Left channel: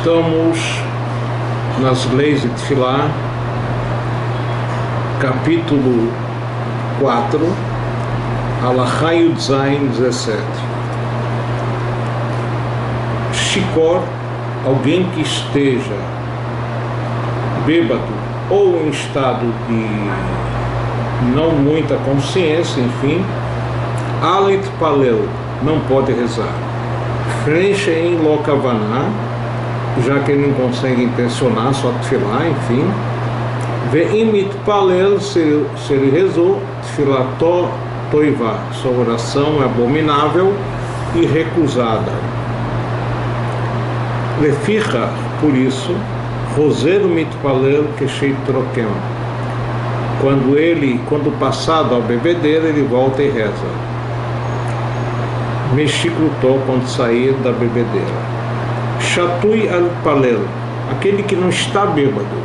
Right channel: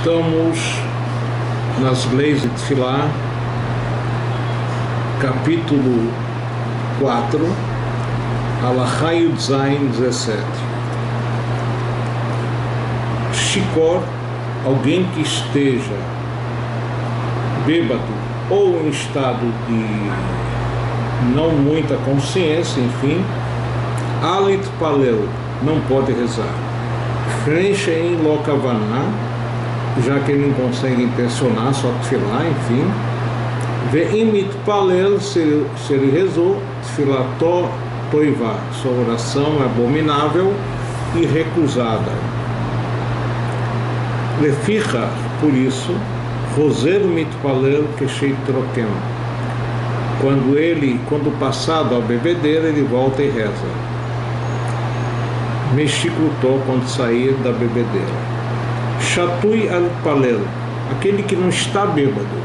Estamos nas leis de Tefilá, capítulo 4, Alahá Yud Zayin 17. Shikor, alguém que esteja bêbado ou em estado de não muita consciência, enfim, Alit Palel, não pode rezar. Frenche em Lokavaná, já que ele não consegue intencionar, só Tefilá, enfim. Ve'imit Palel, se ele rezou, Tfilató Toivá, sua oração é abominável e recusada. Leficha, por isso, Roser Mitpalel Keshei Troquem. Quando passado a bebedeira, ele volta e reza. Mexiclutó, quando sair da bebedeira. Shatui al-Palel, aquele que não está bêbado,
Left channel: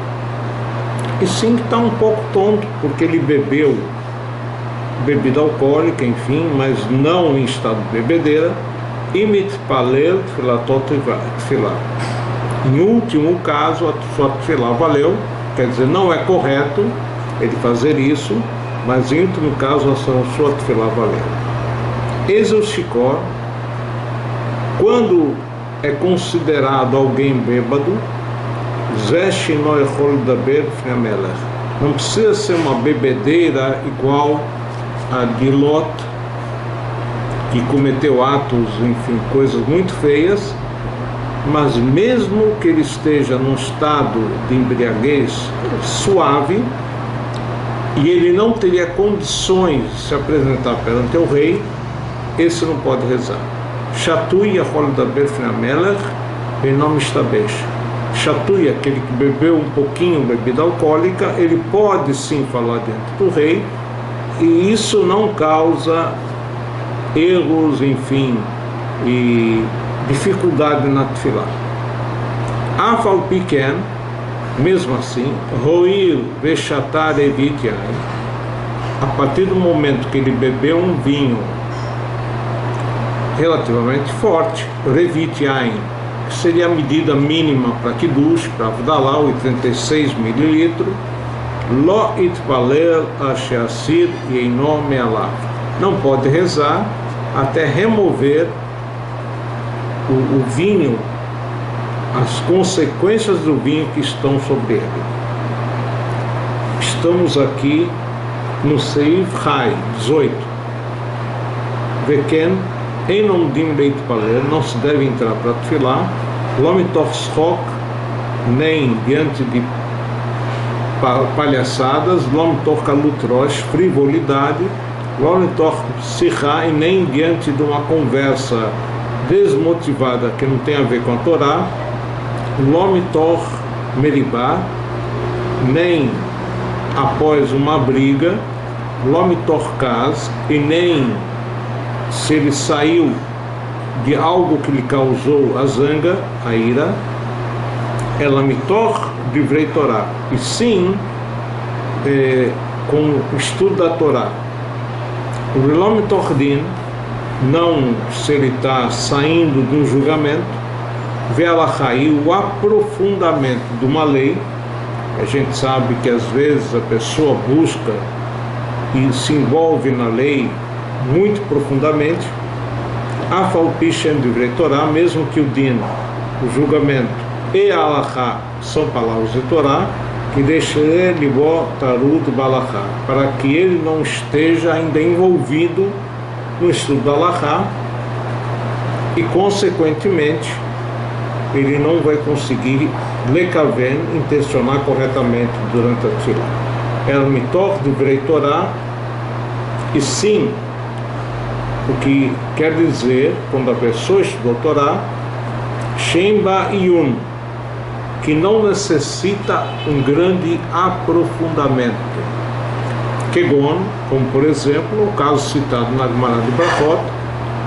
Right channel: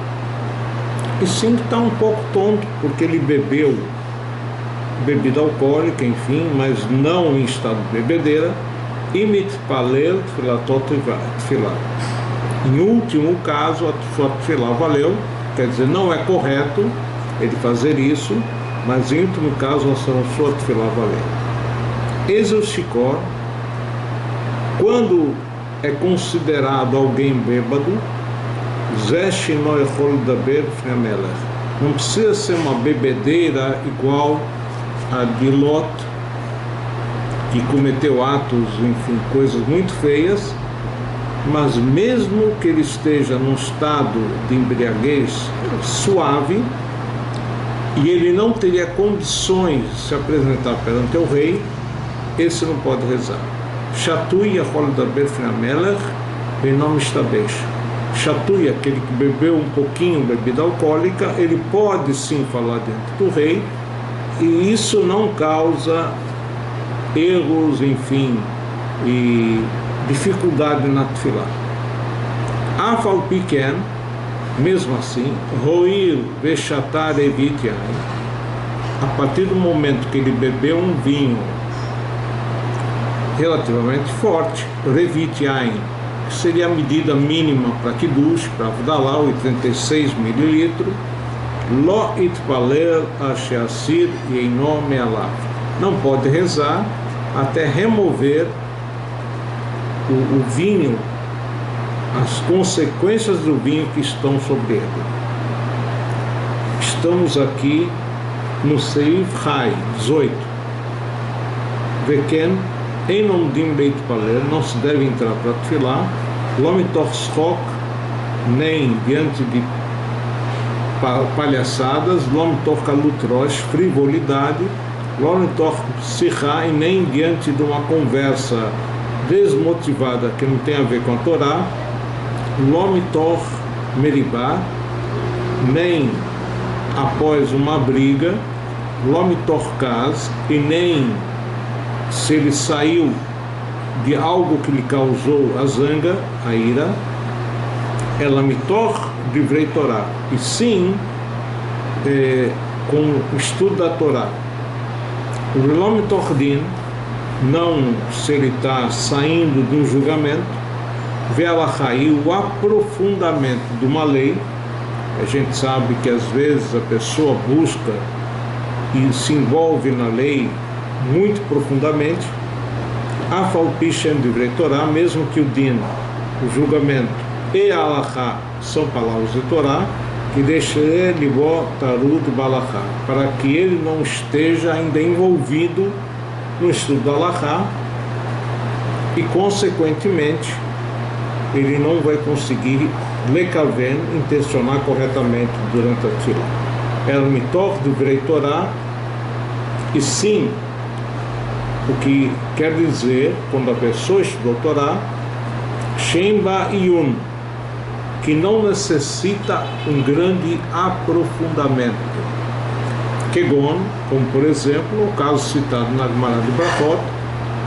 e sim que está um pouco tonto, porque ele bebeu bebida alcoólica, enfim, mas não em estado de bebedeira. Imit Palel Tfilató Tefilá. Em último caso, a sua Tefilá valeu, quer dizer, não é correto ele fazer isso, mas em último caso, a sua Tefilá valeu. Eis o Shikor, quando é considerado alguém bêbado, não precisa ser uma bebedeira igual a de Lot, que cometeu atos, enfim, coisas muito feias, mas mesmo que ele esteja num estado de embriaguez suave, e ele não teria condições de se apresentar perante o rei, esse não pode rezar. Shatui Yachol Daber Finamelech Benom Ishtabesh. Shatui, aquele que bebeu um pouquinho bebida alcoólica, ele pode sim falar dentro do rei, e isso não causa erros, enfim, e dificuldade na Tefilá. Afal Piken, mesmo assim, Roir Veshatar Evit Yain, a partir do momento que ele bebeu um vinho relativamente forte, Revit Yain, que seria a medida mínima para Kiddush, para Avdalá, 86 ml, Lo Itpalel Asheasir Yeino Me'alav, não pode rezar até remover o vinho, as consequências do vinho que estão sobre ele. Estamos aqui no Seif Hai 18. Veken Enom Dim Beit Palel, não se deve entrar para Tefilá, Lomitoch Schok, nem diante de palhaçadas, Lomitoch Kalutrosh, frivolidade, Lomitoch Sichá, e nem diante de uma conversa desmotivada que não tem a ver com a Torá, Lomitoch Meribá, nem após uma briga, Lomitoch Kaz, e nem se ele saiu de algo que lhe causou a zanga, a ira, ela mitor divrei Torá, e sim com o estudo da Torá. O Relom Tordin, não se ele está saindo de um julgamento, vê o aprofundamento de uma lei. A gente sabe que às vezes a pessoa busca e se envolve na lei muito profundamente. Afal Pishem Divrei Torá, mesmo que o Din, o julgamento, e a Alahá são palavras de Torá, que deixa ele Tarud Balahá, para que ele não esteja ainda envolvido no estudo da Alahá, e consequentemente ele não vai conseguir lekaven, intencionar corretamente durante a Tefilá. El Mitor Divrei Torá, e sim, o que quer dizer, quando a pessoa estudou Torá, Shemba Yun, que não necessita um grande aprofundamento. Kegon, como por exemplo, o caso citado na Gemara de Brachot,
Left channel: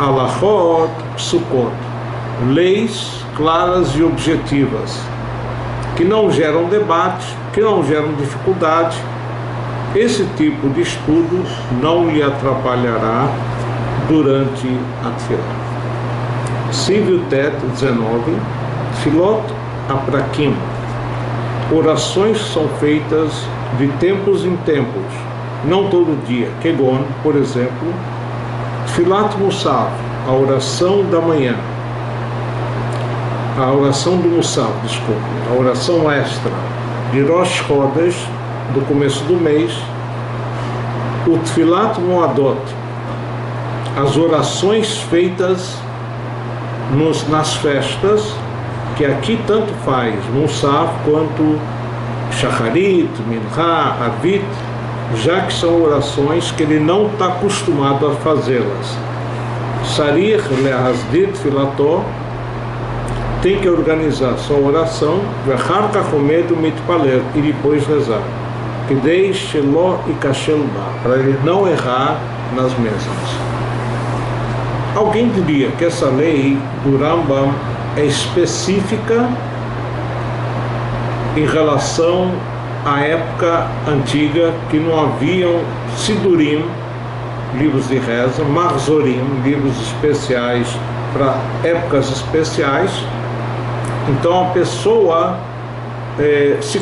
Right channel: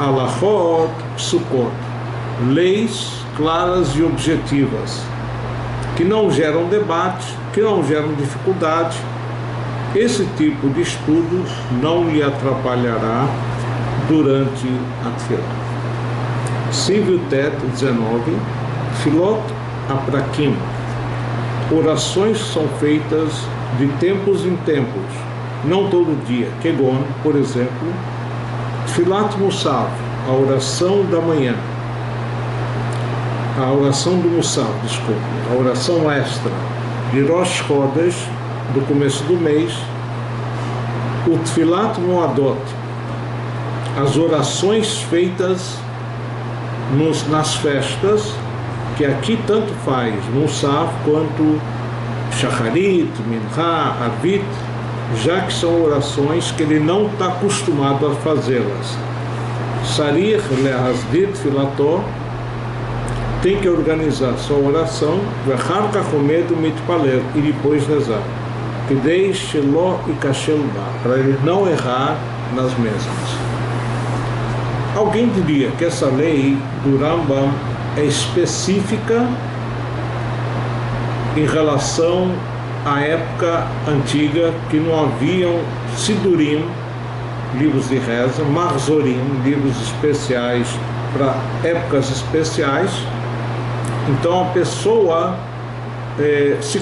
Alachot Psukot, leis claras e objetivas, que não geram debate, que não geram dificuldade. Esse tipo de estudo não lhe atrapalhará durante a Tefilá. Cívio Tet 19, Filot aprakim. Orações são feitas de tempos em tempos, não todo dia. Kegon, por exemplo, Tfilat Musaf, a oração da manhã, a oração do Musaf, desculpe, a oração extra de Rosh Chodesh, do começo do mês, o Tfilat Moadot, as orações feitas nas festas, que aqui tanto faz Musaf quanto Shacharit, Mincha, Arvit, já que são orações que ele não está acostumado a fazê-las. Sarich lehasdit filató, tem que organizar sua oração, vechar kachomed mitpaler, e depois rezar, kidei shelo ikashel ba, para ele não errar nas mesmas. Alguém diria que essa lei do Rambam é específica em relação à época antiga, que não haviam sidurim, livros de reza, marzorim, livros especiais para épocas especiais. Então a pessoa se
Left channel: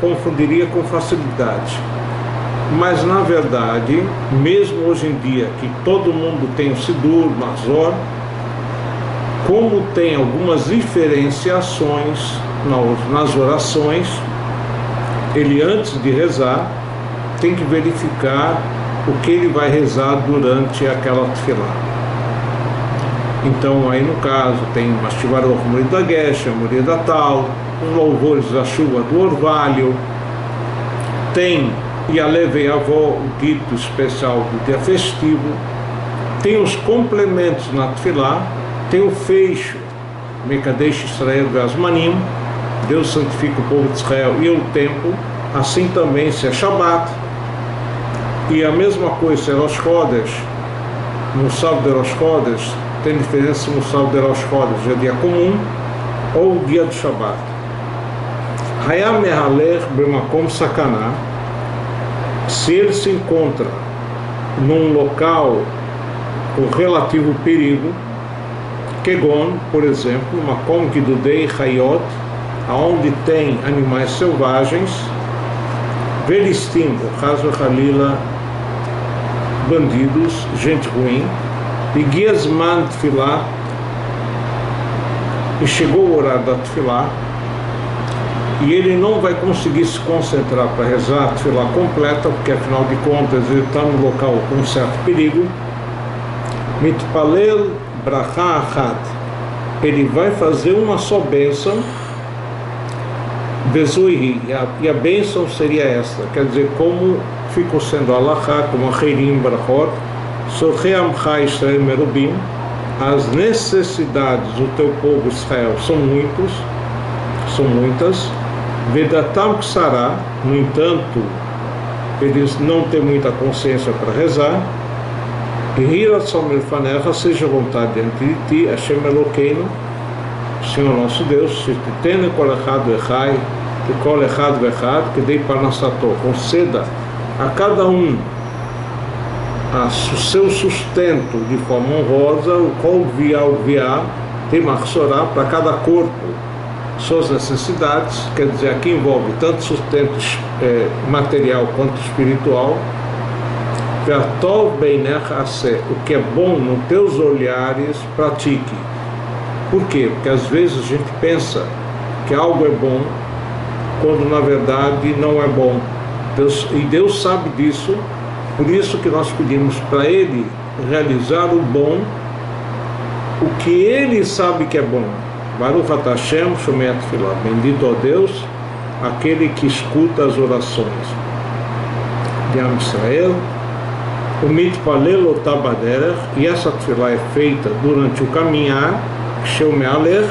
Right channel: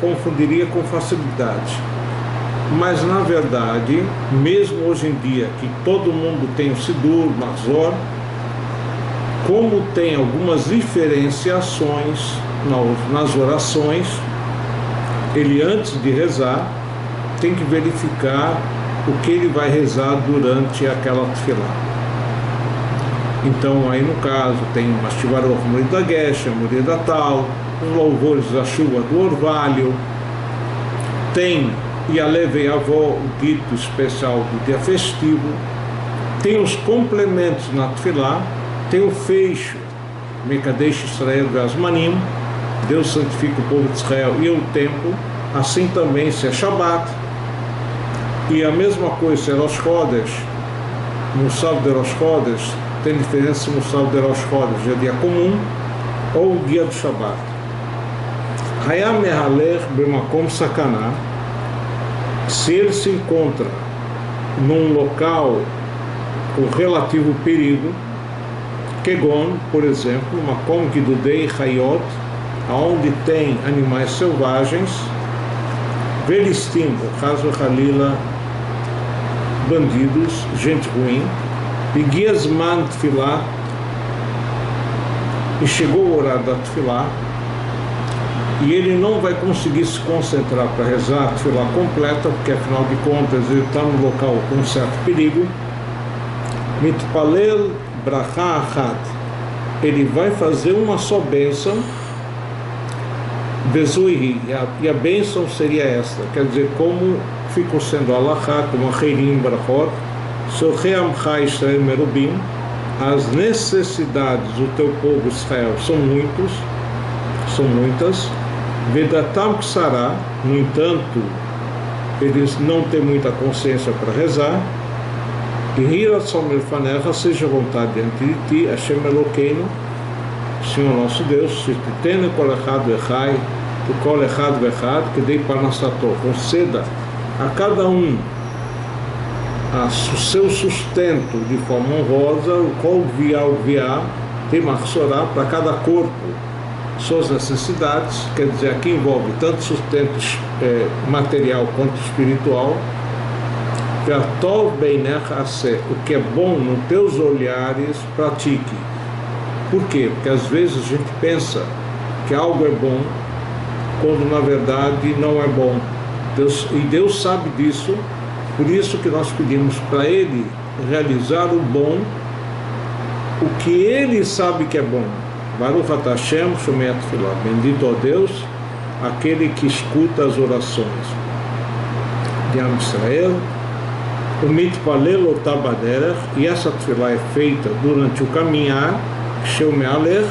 confundiria com facilidade. Mas na verdade, mesmo hoje em dia, que todo mundo tem o sidur, marzor, como tem algumas diferenciações nas orações, ele antes de rezar tem que verificar o que ele vai rezar durante aquela tefilá. Então aí no caso tem Mastivaror, Morir da Gesha, Morir da Tal, os louvores da chuva do orvalho, tem Yalev e Avó, o dito especial do dia festivo, tem os complementos na tefilá, tem o fecho, Mekadesh Israel Ve'azmanim, Deus santifica o povo de Israel e o tempo, assim também se é Shabbat, e a mesma coisa se é Rosh Chodesh, no sábado de Rosh Chodesh, tem diferença no sábado de Rosh Chodesh, é dia comum, ou o dia do Shabbat. Hayam Mehalech B'makom Sakanah, se ele se encontra num local com relativo perigo, Kegon, por exemplo, Makom Gidudei Hayot, aonde tem animais selvagens, Velistim, Chas Vechalila, bandidos, gente ruim, e Giazman Tfilah, e chegou o horário da Tfilah, e ele não vai conseguir se concentrar para rezar a Tfilah completa, porque afinal de contas ele está no local com um certo perigo. Mitpalel Bracha Achat, ele vai fazer uma só bênção, Bezuihi, e a bênção seria esta, quer dizer, como ficou sendo Alachá, como a Heirim Brachot, Sorrei Amcha Israel Merubim, as necessidades do teu povo Israel são muitas, Vedatam Ksará, no entanto, eles não têm muita consciência para rezar, e Hiratzon Melfanecha, seja vontade diante de ti, Hashem Elokeinu, Senhor nosso Deus, se te tene kol echad vechai, que kol echad vechad, que dei parnassato, conceda a cada um o seu sustento de forma honrosa, o kol via, tem marsorá para cada corpo, suas necessidades, quer dizer, aqui envolve tanto sustento material quanto espiritual. O que é bom nos teus olhares, pratique. Por quê? Porque às vezes a gente pensa que algo é bom, quando na verdade não é bom. E Deus sabe disso, por isso que nós pedimos para Ele realizar o bom, o que Ele sabe que é bom. Baruch atah Hashem shomei tefillah. Bendito ó Deus, aquele que escuta as orações de Am Israel. O mitpalel otah baderech, e essa tefillah é feita durante o caminhar, sheu me'alech,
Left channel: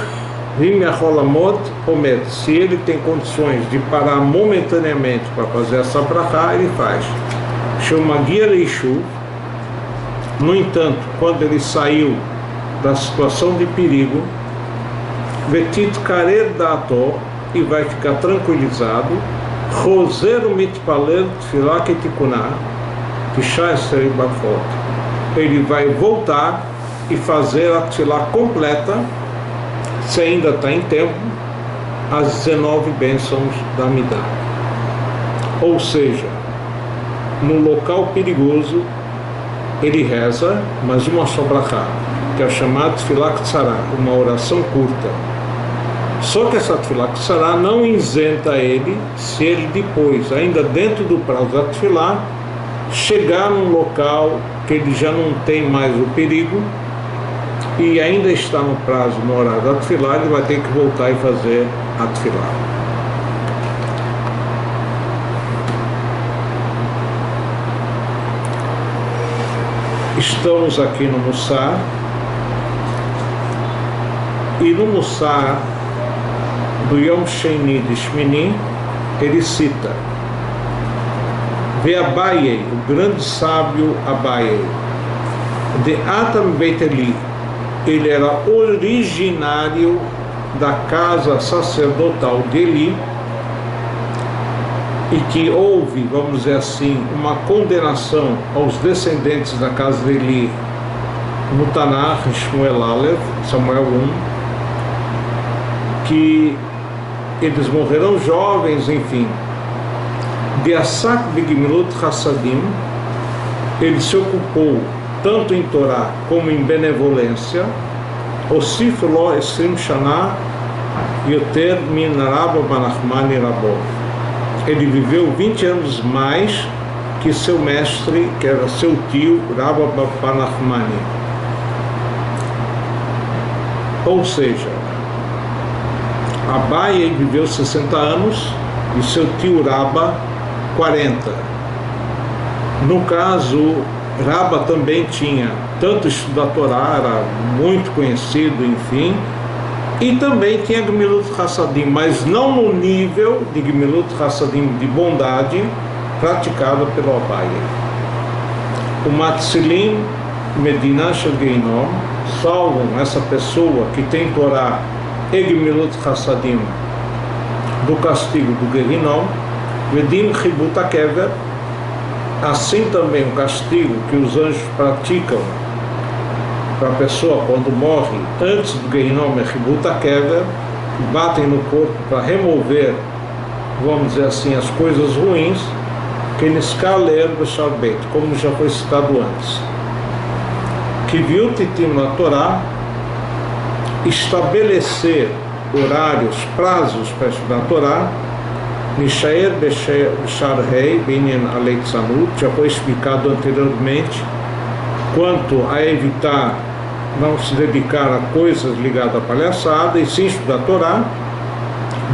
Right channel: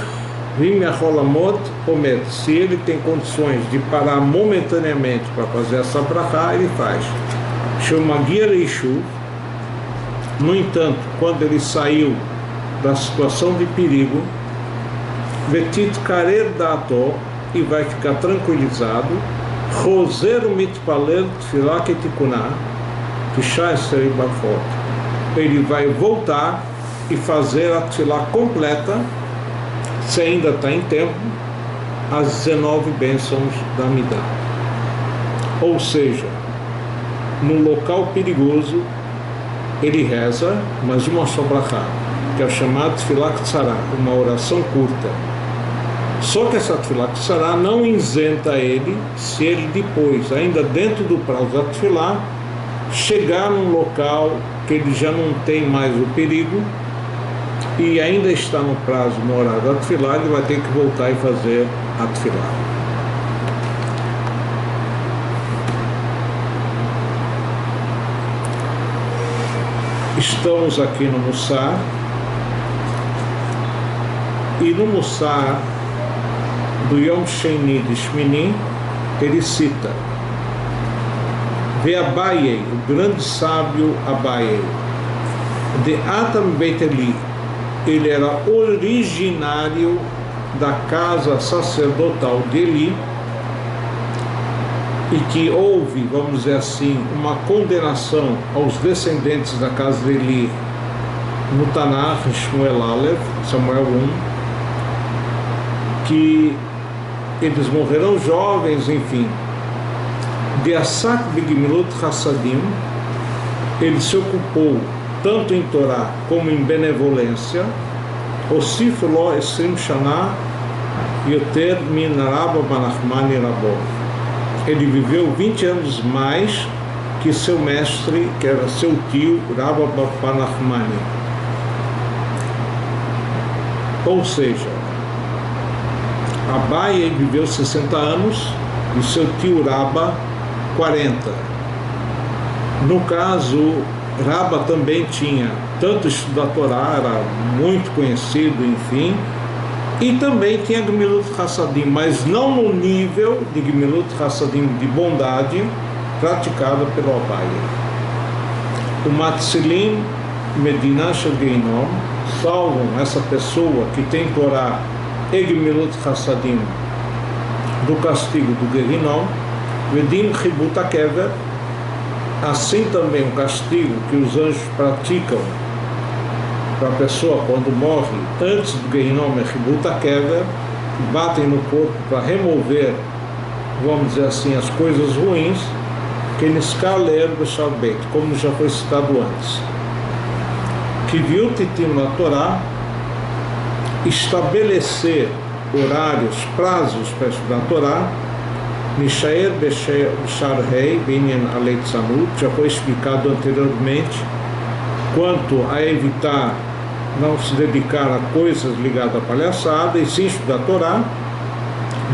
vim me'acholamot omet. Se ele tem condições de parar momentaneamente para fazer essa brachá, ele faz. Sheu magia leishuv. No entanto, quando ele saiu da situação de perigo, vetit karer dato, e vai ficar tranquilizado, roser mitpalel tefillah ketikuná, ele vai voltar e fazer a tefilá completa, se ainda está em tempo, as 19 bênçãos da Amidah. Ou seja, no local perigoso, ele reza, mas uma só brachá, que é o chamado Tfilah Ktsará, uma oração curta. Só que essa Tfilah Ktsará não isenta ele se ele depois, ainda dentro do prazo da Tfilah, chegar num local que ele já não tem mais o perigo e ainda está no prazo, no horário da Tfilah, ele vai ter que voltar e fazer a Tfilah. Estamos aqui no Mussar, e no Mussar do Yom Sheni de Shmini, ele cita: Ve Abaye, o grande sábio Abaye, de Atam Beit Eli, ele era originário da casa sacerdotal de Eli, e que houve, vamos dizer assim, uma condenação aos descendentes da casa de Eli no Tanakh, em Shmuel Alev, Samuel 1, que eles morrerão jovens, enfim. De Asak Begimilut Hassadim, ele se ocupou tanto em Torá como em benevolência. Osif Lo Esrim Shana Yoter Min Rabba Banachmani Rabbo. Ele viveu 20 anos mais que seu mestre, que era seu tio, Rabba Banachmani. Ou seja, Abaye viveu 60 anos e seu tio Rabba 40. No caso, Rabba também tinha tanto estudar Torá, era muito conhecido, enfim, e também tinha Gemilut Hassadim, mas não no nível de Gemilut Hassadim de bondade praticada pelo Abaye. O Matzilim Medina Shel Geinom, salvam essa pessoa que tem Torá e Gemilut Hassadim do castigo do Gehinom. Vedim Chibut HaKever, assim também o castigo que os anjos praticam para a pessoa quando morre antes do Gehinom é Chibut HaKever, batem no corpo para remover, vamos dizer assim, as coisas ruins, que Niskaler B'Sharbet, como já foi citado antes. Que viu Titim na Torá, estabelecer horários, prazos para estudar a Torá. Nishaer B'Sharhei Binyan Aleitzanut, já foi explicado anteriormente, quanto a evitar não se dedicar a coisas ligadas à palhaçada e sim estudar a Torá.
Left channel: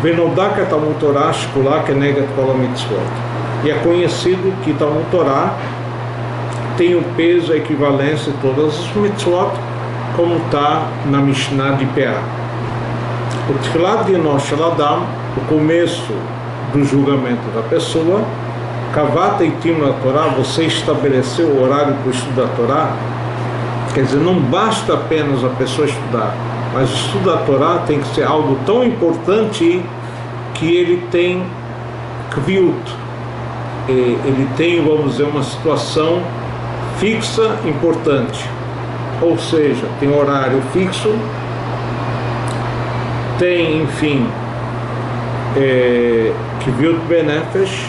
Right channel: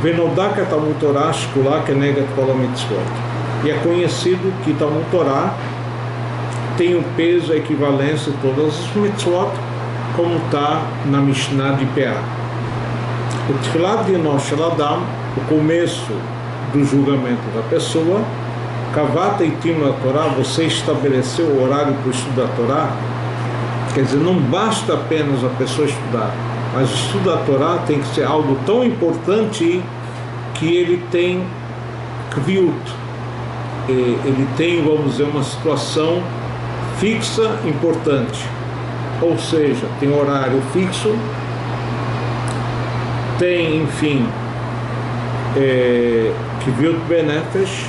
Venodak Talmud Torá Shkulah Kenegat Kol HaMitzvot, e é conhecido que Talmud Torá tem o peso, a equivalência de todas as mitzvot, como está na Mishnah de Peah. O Tfilat Dino Shel Adam, o começo do julgamento da pessoa. Kavata Itim na Torá, você estabeleceu o horário para o estudo da Torá. Quer dizer, não basta apenas a pessoa estudar, mas o estudo da Torá tem que ser algo tão importante que ele tem kviut, ele tem, vamos dizer, uma situação fixa importante, ou seja, tem horário fixo, tem, enfim, kviut benefesh,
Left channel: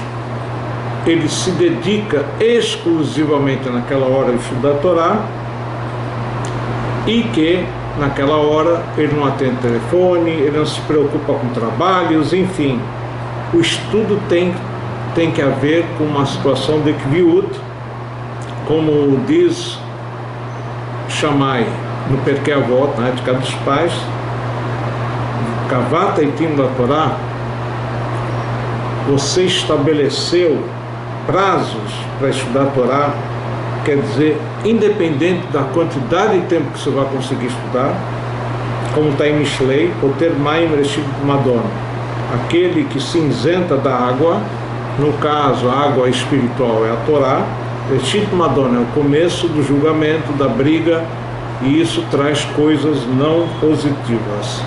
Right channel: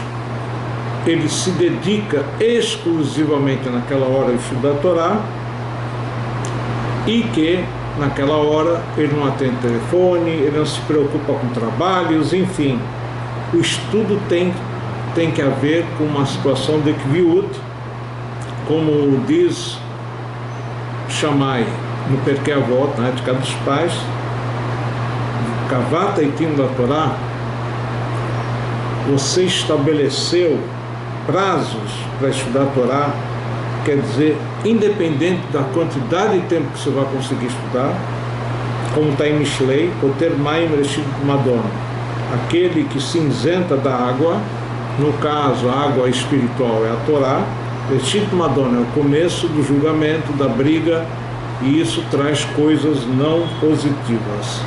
ele se dedica exclusivamente naquela hora a estudar a Torá, e que naquela hora ele não atende telefone, ele não se preocupa com trabalhos, enfim, o estudo tem que haver com uma situação de kviut, como diz Shammai no Perkei Avot, na ética dos pais, Kavata Itim da Torá, você estabeleceu prazos para estudar a Torá, quer dizer, independente da quantidade de tempo que você vai conseguir estudar, como está em Mishlei, o ter Maim Reshit Madon, aquele que se isenta da água, no caso a água espiritual é a Torá, Reshit Madon é o começo do julgamento, da briga, e isso traz coisas não positivas.